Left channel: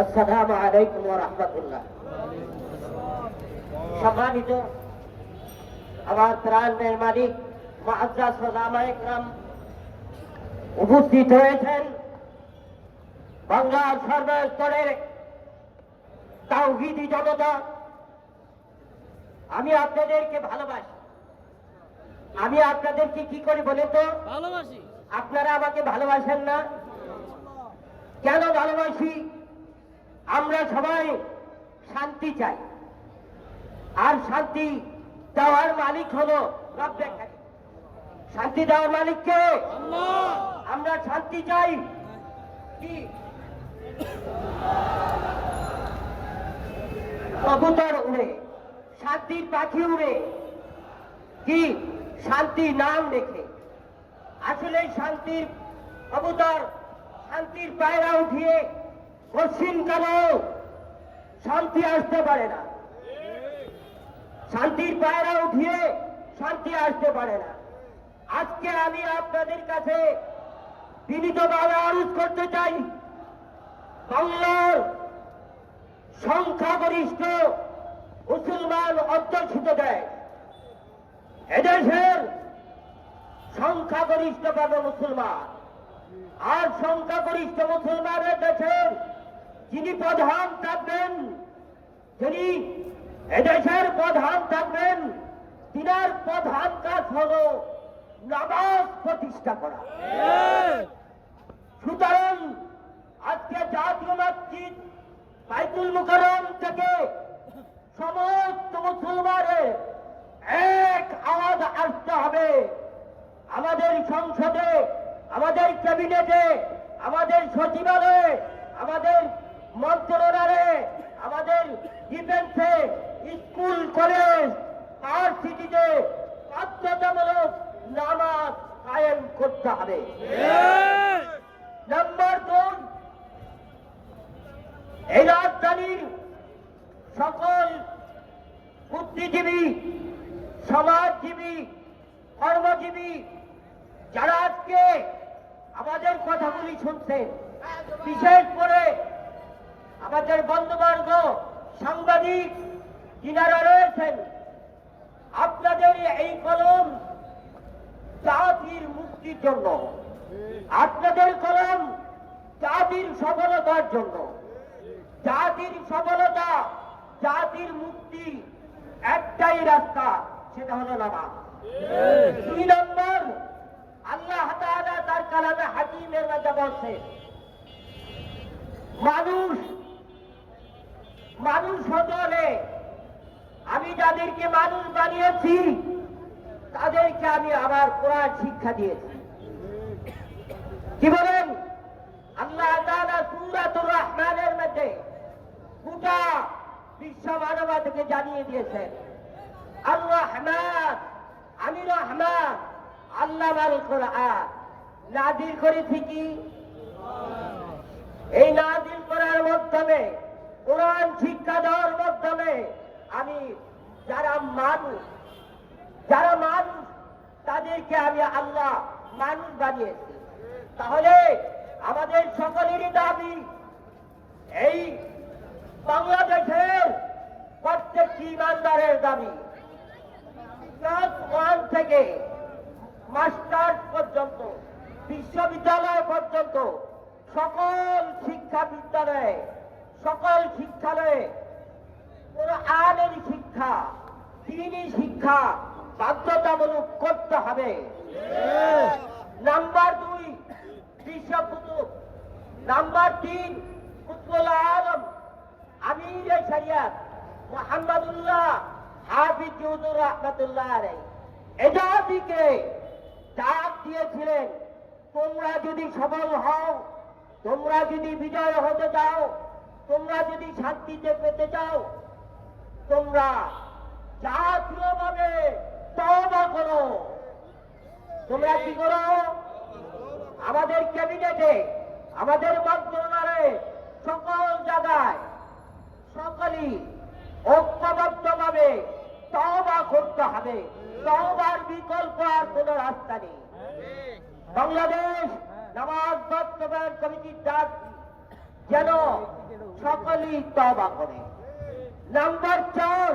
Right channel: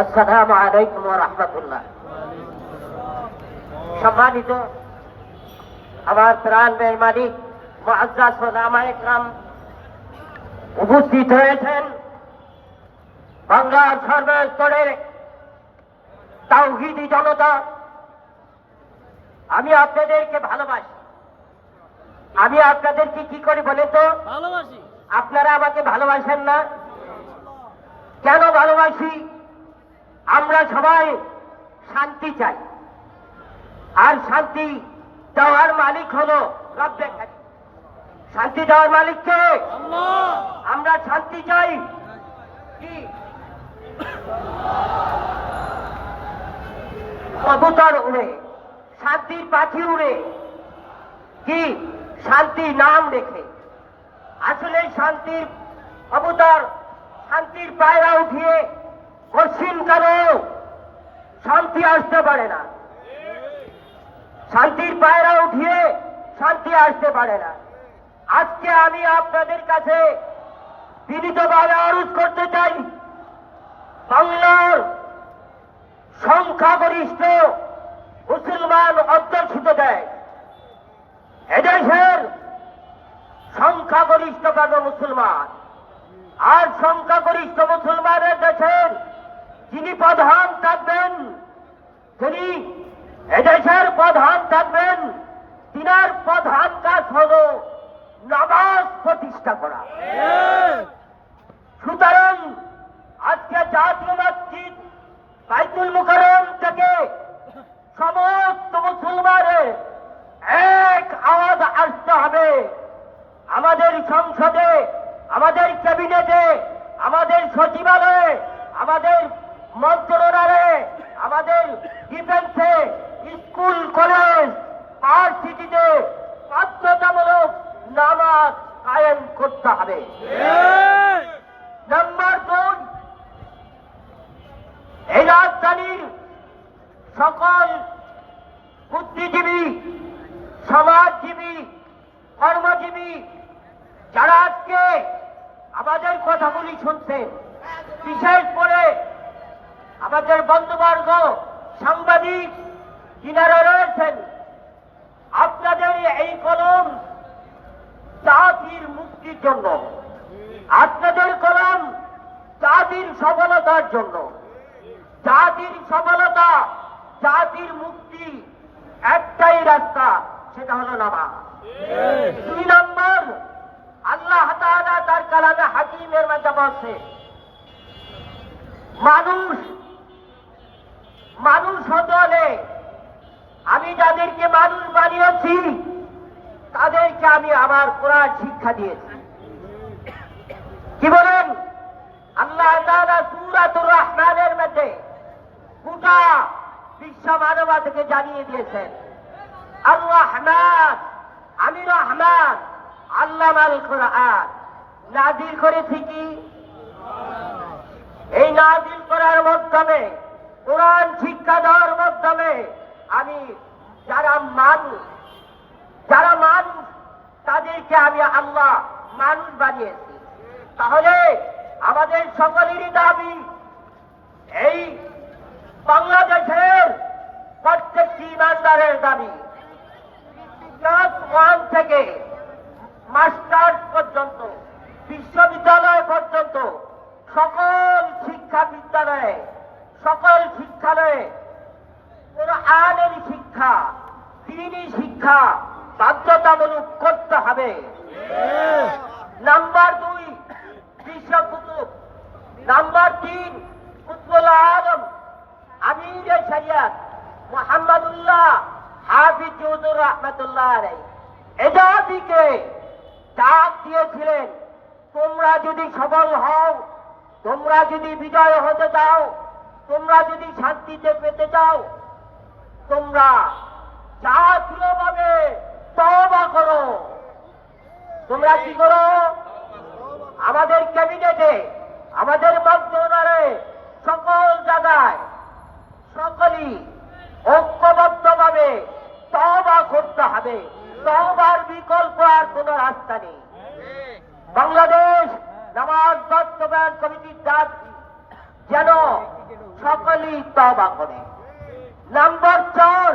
আসসালামু আলাইকুম ওয়া রাহমাতুল্লাহ। সম্মানিত আমার প্রাণের মালিক মুআজ্জাজ ওলামায়ে ইকরাম উপস্থিত হয়েছেন, বাংলার সর্বস্তরের তাওহীদি জনতা, আমি আপনাদেরকে ভালোবাসি। আমি আপনাদেরকে কি করি বলে তো ভালোবাসি? আপনারা আমাকে ভালোবাসেন না কেন? ভালোবাসি, আমরা সবাই শান্তি চাই, আর শান্তি দেওয়ার মালিক হলো রব্বে কারীম। শান্তি দেওয়ার মালিক কে? আল্লাহ। আমরা শান্তি চাই কি? কবুতর উড়ে, শান্তির পাখি উড়ে, কি শান্তি নাম রেখে। আসলে শান্তির কবুতর, শান্তির পায়রা উঠিয়ে পশ্চিম কালো শান্তি আসতে পারে না। শান্তির পায়রা উঠিয়ে শান্তি আসতে পারে না। আজকে আমি আপনাদের কাছে বিনীতভাবে আরজ করতে চাই, বাংলার সংখ্যাগরিষ্ঠ মুসলমান অধ্যুষিত দেয়, এদেশের সংখ্যাগরিষ্ঠভাবে মুসলমান, আর সংখ্যাগরিষ্ঠ মুসলমানের দেশের যিনি প্রধান থাকবেন, যিনি এদেশের প্রধান থাকবেন, তিনার প্রধান কাজ হল নামাজ প্রতিষ্ঠা করা। সুতরাং আজকে জাতীয় মসজিদ বাইতুল মুকাররম থেকে সমস্ত মুসলমানের এক আওয়াজ আসতে হবে। আমাদের সংসদে, আমাদের ক্যাবিনেটে, আমাদের সচিবালয়ে, আমাদের মন্ত্রণালয়ে, আমাদের ডিফেন্সে, স্কুল কলেজ, ভার্সিটিতে বাধ্যতামূলক নামাজ কায়েম করতে হবে। নাম্বার 2, এই রাজধানীর সকল বুদ্ধিজীবী, সমাজজীবী, কর্মজীবী যারা আজকে আমাদের কথাগুলি শুনছেন, বিশেষ করে আমাদের বন্ধুবর্গ সাংবাদিক যিনারা রয়েছেন, আপনাদের এই কলম জাতির মুক্তির জন্য, আপনাদের কলম জাতির সফলতার জন্য। জাতির সফলতা, জাতির মুক্তি একটাই রাস্তা, সেটা হলো নামাজ। 2 নম্বর, আল্লাহ তাআলা তার কালামে হাকিমের মধ্যে বলছে, মানুষ হতে হলে আমি যাদেরকে মানুষ বানিয়েছি তাদেরকে আমি আমার কোরআন শিক্ষা দিয়েছি। কি বলেন? আল্লাহ তাআলা সূরাতুর রহমানের মধ্যে গোটা বিশ্ব মানবতাকে জানিয়ে দিয়েছেন, আর রহমান, আমি রহমান, আল্লামাল কোরআন, নাজিল করেছি কি? এই নাজিল করার মাধ্যমে, কোরআন শিক্ষা দেওয়ার মাধ্যমে আমি যারা মানুষ তাদেরকে আমি আল্লাহ মানুষ বানিয়েছি। তাহলে আমাদের সকলেরই দাবি, এই বাংলাদেশের প্রত্যেকটি ইমানদারের দাবি, ক্লাস 1 থেকে মাস্টার্স পর্যন্ত, বিশ্ববিদ্যালয় পর্যন্ত সকল শিক্ষা বিদ্যালয়ে, সকল শিক্ষালয়ে কোরআনের শিক্ষা, দ্বীনি শিক্ষা বাধ্যতামূলক করতে হবে। নাম্বার 2, বিশ্ব কুতুব। নাম্বার 3, কুতুবুল আলম আমিরে শরিয়ত মুহাম্মদুল্লাহ হাফিজ হুজুর রাহমাতুল্লাহ আলাইহি এজাদিকে ডাক দিয়েছিলেন, তোমরা যদি সফল হও, তোমরা যদি বিজয় হতে চাও, তোমরা যদি শান্তিতে পেতে চাও, তোমরা জাতীয়ভাবে তওবা করো। তোমরা কি করো? আমাদের ক্যাবিনেটে, আমাদের মন্ত্রণালয়ে, সকল জায়গায় সকলেই ঐক্যবদ্ধভাবে তওবা করতে হবে। তওবার বিকল্প আর কোন রাস্তা নেই। বাংলাদেশ নামাজ বাস্তবায়ন কমিটির দাবি যেন সকলেই তওবা করে। নাম্বার 4,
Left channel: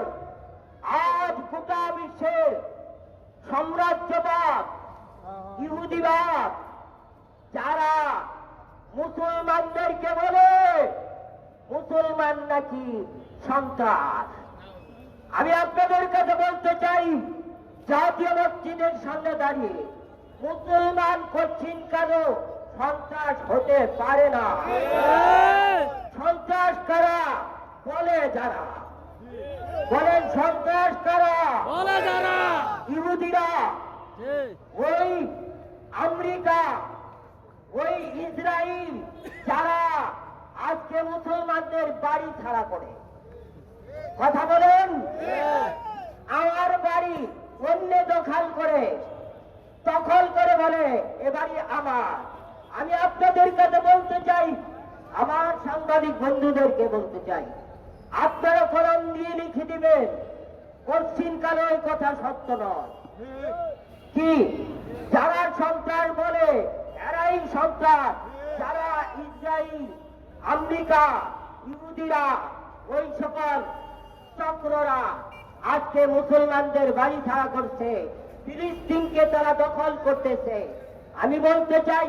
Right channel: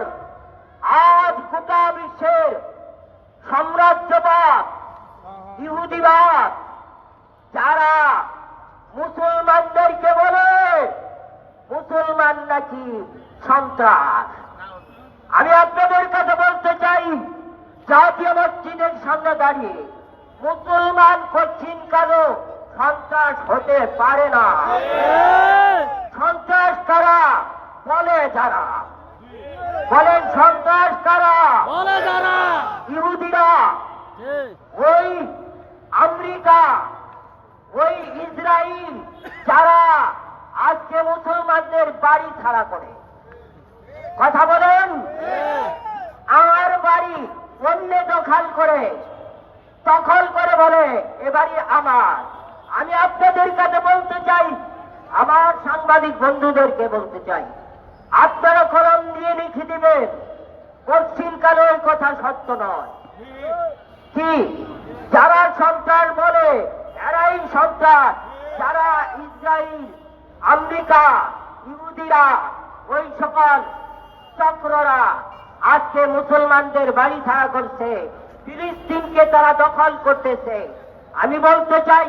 আজ গোটা বিশ্বের সাম্রাজ্যবাদ, ইহুদিবাদ যারা মুসলমানদেরকে বলে মুসলমান নাকি সন্ত্রাস, আমি আপনাদের কাছে বলতে চাই, জাতীয় মসজিদের সামনে দাঁড়িয়ে মুসলমান করছেন কারো সন্ত্রাস হতে পারে না। সন্ত্রাস কারা বলে যারা বলেন, সন্ত্রাস কারা বলে যারা ইহুদিরা, ওই আমেরিকা, ওই ইসরায়েল যারা আজকে মুসলমানদের বাড়ি ছাড়া করে। কথা বলেন, আমার বাড়ি অন্য দখল করে বলে এ বাড়ি আমার। আমি আপনাদের কাছে বলতে চাই, আমার সাংবাদিক বন্ধুদেরকে বলতে চাই, আপনারা কলম দিয়ে লিখে দিবেন পশ্চিমকালে ওই কথা সত্য নয়। কি যারা সন্ত্রাস বলে এরাই সন্ত্রাস, যারা ইসরায়েল, আমেরিকা, ইহুদিরা, ওই সকল চক্ররা আজকে মুসলমানদের বাড়ি ছাড়া করছে, ফিলিস্তিনকে তারা দখল করতেছে। আমি বলতে চাই,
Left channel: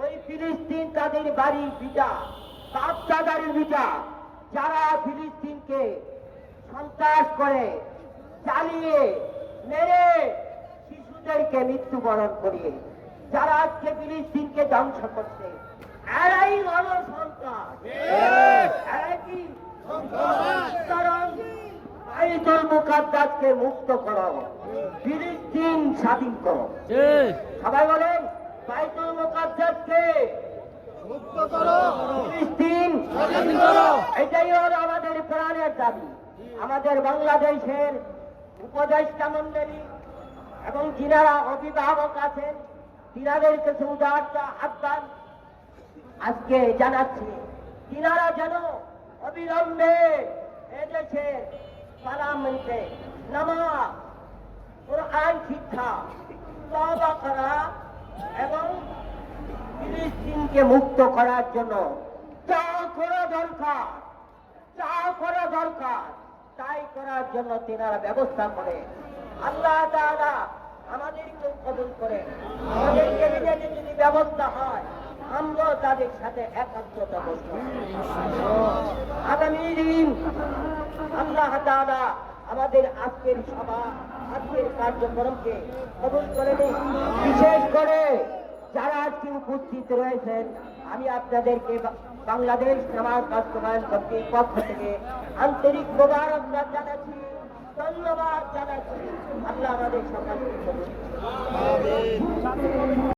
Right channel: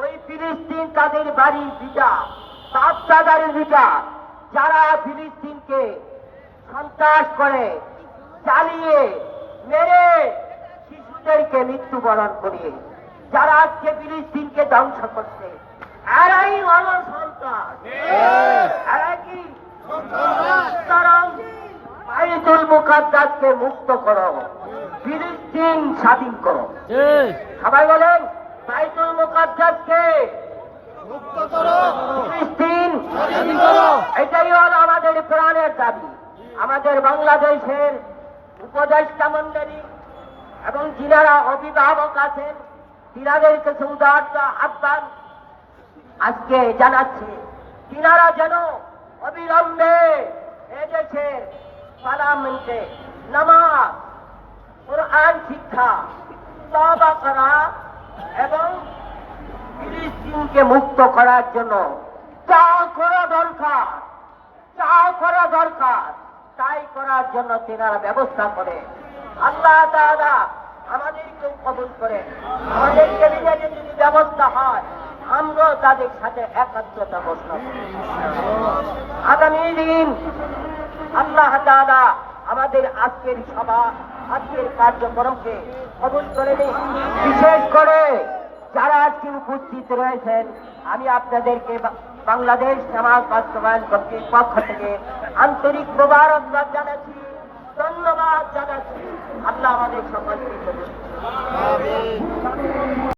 ওই ফিলিস্তিন তাদের বাড়ির ভিটা, বাপ-দাদার ভিটা, যারা ফিলিস্তিনকে সন্ত্রাস করে, চালিয়ে মেরে শিশুদেরকে মৃত্যুবরণ করিয়ে যারা আজকে ফিলিস্তিনকে ধ্বংস করছে, এরাই হলো সন্ত্রাস। এরা কি সুতরাং বাইতুল মুকাদ্দাসকে মুক্ত করো, ফিলিস্তিন স্বাধীন করো। সবাই বলেন, বাইতুল মুকাদ্দাসকে মুক্ত করো, ফিলিস্তিন স্বাধীন করো। এটাই হলো আমাদের প্রাণের দাবি। আমাদের বাংলাদেশের উপদেষ্টা মণ্ডলী এবং যিনারা অভিভাবক আছেন, তিনাদের কাছে উদারত আহ্বান আজকে জানাচ্ছি, তিনারা যেন অবিলম্বে এদেশের পার্লামেন্টে নামাজ, কোরআন শিক্ষা, তওবা করা এবং ফিলিস্তিনকে মুক্ত করার জন্য যা করা দরকার তাই করার জন্য তিনারা ব্যবস্থা করে। আল্লাহ তাআলা আমাদেরকেও কবুল করে, আমাদের ক্যাবিনেটে যদি ব্যবস্থা হয় আমরাও তাদের সাথে একাত্মতা ঘোষণা করি। আগামী দিন আল্লাহ তাআলা আমাদের আজকের সভা, আজকের কার্যক্রমকে কবুল করে নিন। বিশেষ করে যারা আজকে উপস্থিত রয়েছেন, আমি আপনাদেরকে বাংলাদেশ নামাজ বাস্তবায়ন কমিটির পক্ষ থেকে আন্তরিক মোবারকবাদ জানাচ্ছি, ধন্যবাদ জানাচ্ছি। আল্লাহ আমাদের সকলকে কবুল করুন।